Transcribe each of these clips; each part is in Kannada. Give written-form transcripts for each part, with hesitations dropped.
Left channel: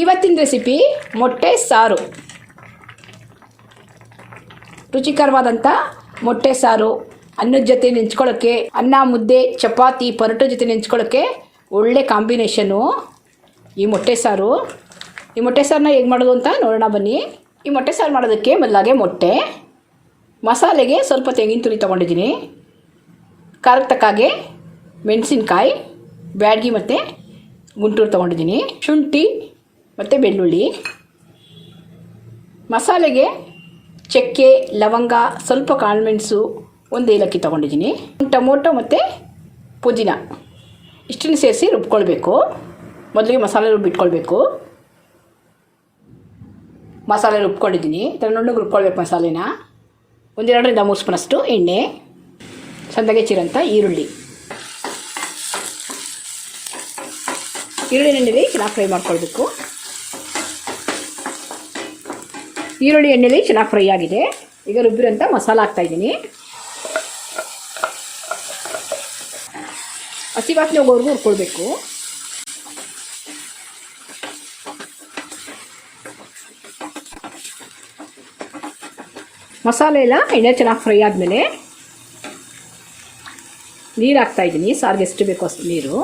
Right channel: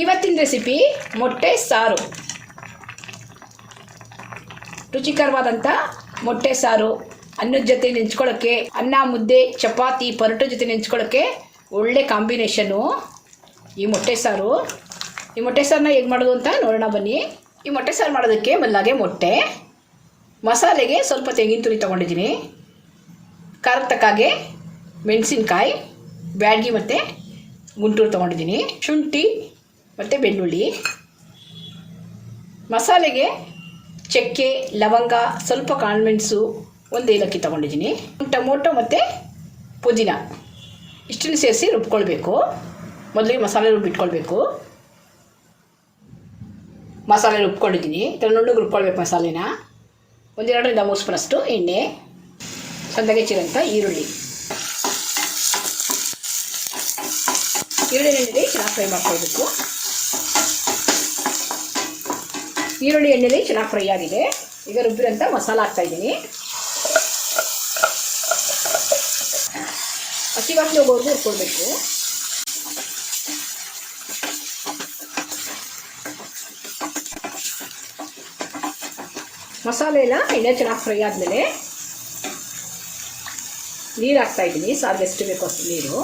ಇವತ್ತಿನ ರೆಸಿಪಿ ಮೊಟ್ಟೆ ಸಾರು. ರುಚಿಕರವಾದಂಥ ಮೊಟ್ಟೆ ಸಾರು ಅನ್ನದ ಜೊತೆ ನೆಂಚ್ಕೊಳ್ಳೋಕ್ಕೆ, ಅನ್ನ ಮುದ್ದೆ ಚಪಾತಿ ಪರೋಟ ಜೊತೆ ನೆಂಚ್ಕೊಳ್ಳೋಕ್ಕೆ ಒಳ್ಳೆ ಕಾಂಬಿನೇಷನ್ನು ಈ ಮೊಟ್ಟೆ ಸಾರು. ಈ ಮೊಟ್ಟೆ ಸಾರನ್ನ ಹೇಗೆ ಮಾಡೋದು ಅಂತ ನೋಡೋಣ ಬನ್ನಿ. ಈ ಮೊಟ್ಟೆ ಸಾರು ಮಾಡೋದಕ್ಕೆ ಮೊದಲಾಗೆ ಮೊಟ್ಟೆ, ಮಸಾಲೆಗೆ ಸ್ವಲ್ಪ ತೆಂಗಿನ ತುರಿ ತೊಗೊಂಡಿದ್ದೀನಿ, ಖಾರಕ್ಕೆ ತಕ್ಕಾಗೆ ಮೆಣಸಿನ್ಕಾಯಿ, ಬ್ಯಾಡಗಿ ಮತ್ತು ಗುಂಟೂರು ತೊಗೊಂಡಿದ್ದೀನಿ, ಶುಂಠಿ ಮತ್ತು ಬೆಳ್ಳುಳ್ಳಿ. ಮಸಾಲೆಗೆ ಚಕ್ಕೆ, ಲವಂಗ, ಸ್ವಲ್ಪ ಕಾಳುಮೆಣಸು, ಒಂದು ಏಲಕ್ಕಿ ತೊಗೊಂಡಿದ್ದೀನಿ, ಟೊಮೊಟೊ ಮತ್ತು ಪುದೀನ ಇಷ್ಟನ್ನು ಸೇರಿಸಿ ರುಬ್ಕೊಳ್ಬೇಕು. ಮೊದಲಿಗೆ ಮಸಾಲೆ ರುಬ್ಬಿಟ್ಕೊಳ್ಬೇಕು. ಮಸಾಲೆ ರುಬ್ಕೊಂಡಿದ್ದೀನಿ, ನುಣ್ಣಗೆ ರುಬ್ಕೊಳ್ಬೇಕು ಮಸಾಲೆನ. 1-2ರಿಂದ 3 ಸ್ಪೂನಷ್ಟು ಎಣ್ಣೆ, ಸಣ್ಣಗೆ ಹೆಚ್ಚಿರೋಂಥ ಈರುಳ್ಳಿ ಎಣ್ಣೆಲಿ ಚೆನ್ನಾಗಿ ಫ್ರೈ ಮಾಡ್ಕೊಳ್ಬೇಕು. ಈರುಳ್ಳಿ ಎಣ್ಣೆಲಿ ಚೆನ್ನಾಗಿ ಫ್ರೈ ಆಗಿದೆ. ಈಗ ರುಬ್ಬಿರೋಂಥ ಮಸಾಲ ಹಾಕ್ತಾಯಿದ್ದೀನಿ. ಹಸಿ ವಾಸನೆ ಹೋಗೋವರೆಗೂ ಹುರ್ಕೊಳ್ಬೇಕು. ಮಸಾಲೆ ಎಲ್ಲ ಎಣ್ಣೆ ಚೆನ್ನಾಗಿ ಫ್ರೈ ಆದಮೇಲೆ ನೀರು ಹಾಕ್ತಾಯಿದ್ದೀನಿ. ಸಾರಿಗೆ ಎಷ್ಟು ಬೇಕೋ ಅಷ್ಟು ನೀರು.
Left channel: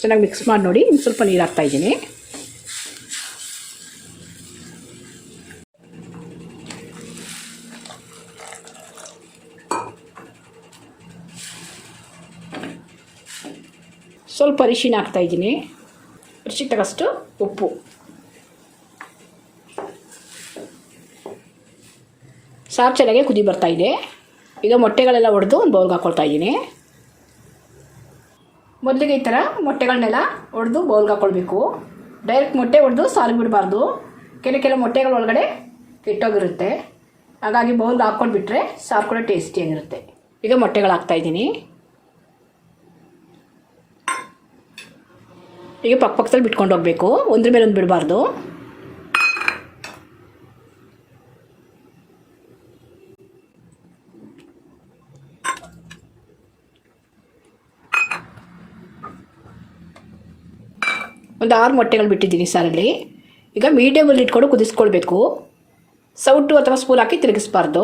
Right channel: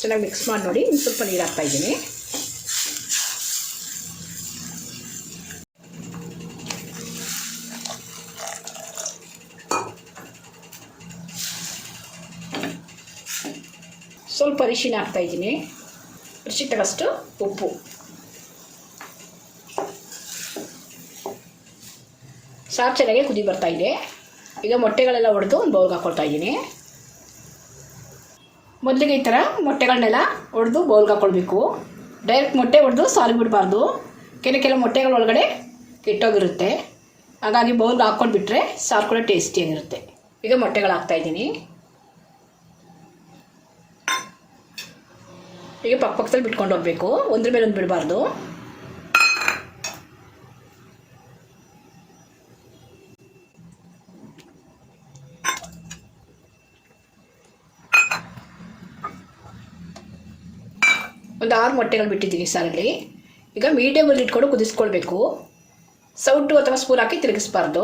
ಚೆನ್ನಾಗಿ ಮಿಕ್ಸ್ ಮಾಡಿ ನೋಡಿ. ಇನ್ನು ಸ್ವಲ್ಪ ನೀರು ಹಾಕ್ತಾಯಿದ್ದೀನಿ. ಸ್ವಲ್ಪ ಅರಿಶಿನ ಹಾಕ್ತಾಯಿದ್ದೀನಿ, ರುಚಿಗೆ ತಕ್ಕಷ್ಟು ಉಪ್ಪು. ಸಾರು ಚೆನ್ನಾಗಿ ಕುದಿ ಬರ್ತಾಯಿದೆ. ಈಗ ಮೊಟ್ಟೆಗಳೆಲ್ಲ ಒಡೆದು ಒಂದು ಬೌಲ್ಗೆ ಹಾಕ್ಕೊಳ್ತಾ ಇದ್ದೀನಿ. ಮೊದಲಿಗೆ ಈ ಥರ ಮೊಟ್ಟೆಗಳನ್ನೆಲ್ಲ ಒಡೆದು ಬೌಲ್ಗೆ ಹಾಕ್ಕೊಳ್ಬೇಕು. ಡೈರೆಕ್ಟ್ ಮೊಟ್ಟೆ ಒಡೆದು ಸಾರಿಗೆ ಬಿಡಬಾರ್ದು. ಕೆಲವು ಮೊಟ್ಟೆಗಳ ಒಳಗಡೆ ಕೆಟ್ಟೋಗಿರುತ್ತೆ. ಹಾಗಾಗಿ ಬೌಲ್ಗೆ ಹಾಕ್ಕೊಂಡ್ಬಿಟ್ರೆ ಸಾರು ಕೂಡ ಟೇಸ್ಟಿಯಾಗಿರುತ್ತೆ. ಈಗ ಮೊಟ್ಟೆಗಳು ಹಾಕ್ತಾಯಿದ್ದೀನಿ. ಈಗ ಪಕ್ಕದಲ್ಲಿ ಬಿಟ್ಕೊಂಡು ಹೋಗಬೇಕು, ಒಂದ್ರ ಮೇಲೆ ಒಂದು ಬಿಡಬಾರ್ದು. ಒಂದು 6 ಮೊಟ್ಟೆಗಳು ಬಿಟ್ಟಿದ್ದೀನಿ ಸಾರಲ್ಲಿ. ಈಗ ಮೀಡಿಯಮಲ್ಲಿ ಇಟ್ಕೊಂಡು ಕುದಿಸ್ಕೊಳ್ಬೇಕು. ಸೌಟು ಅಥವಾ ಸ್ಪೂನ್ ಹಾಕಿ ತಿರುಗಿಸ್ಬಾರ್ದು.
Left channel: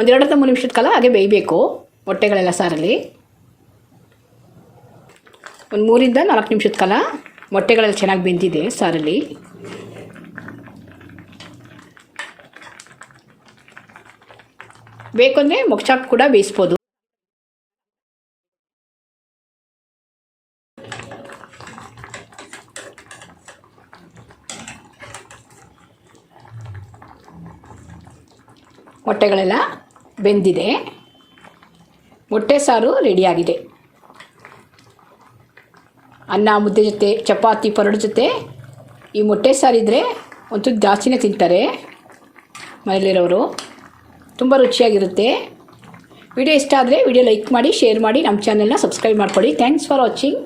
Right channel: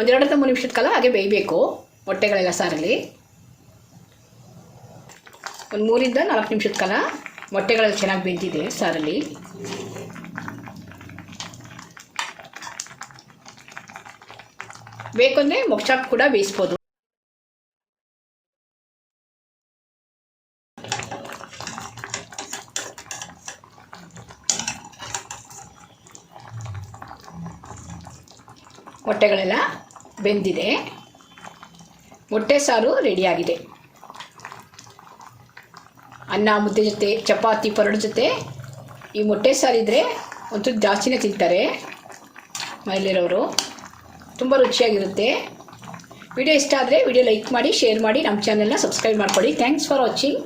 1-2-3 ನಿಮಿಷದ ಕಾಲ ಹಾಗೆ ಬೇಯಬೇಕು ಮೊಟ್ಟೆಗಳೆಲ್ಲ ಸಾರಲ್ಲಿ. ಒಂದು 3-4 ನಿಮಿಷದ ಕಾಲ ಮೊಟ್ಟೆಗಳೆಲ್ಲ ಚೆನ್ನಾಗಿ ಬೆಂದಿದೆ ಸಾರಲ್ಲಿ. ಬೇಕಂದರೆ ಮೊಗಚಾಕು ಕೂಡ ಬೇಯಿಸ್ಬೋದು. ಮೊಟ್ಟೆಗಳೆಲ್ಲ ಬೆಂದಿದೆ. ಮೊಟ್ಟೆ ಸಾರು ರೆಡಿಯಾಗಿದೆ. ಅನ್ನ ಮುದ್ದೆ ಜೊತೆ ಚಪಾತಿ ಪರೋಟ ಜೊತೆ ಈ ಮೊಟ್ಟೆ ಸಾರಿದ್ದರೆ ಒಂಚೂರು ಜಾಸ್ತಿನೇ ತಿಂತಾರೆ ಮನೇಲಿರೋರು. ತುಂಬ ರುಚಿಯಾಗಿರುತ್ತೆ. ವಿಡಿಯೋ ಇಷ್ಟ ಆದರೆ ವಿಡಿಯೋ ಲೈಕ್ ಮಾಡಿ, ಶೇರ್ ಮಾಡಿ, ನಮ್ಮ ಚಾನಲ್ನ ಸಬ್ಸ್ಕ್ರೈಬ್ ಮಾಡ್ಕೊಳ್ಳಿ. Thanks for watching.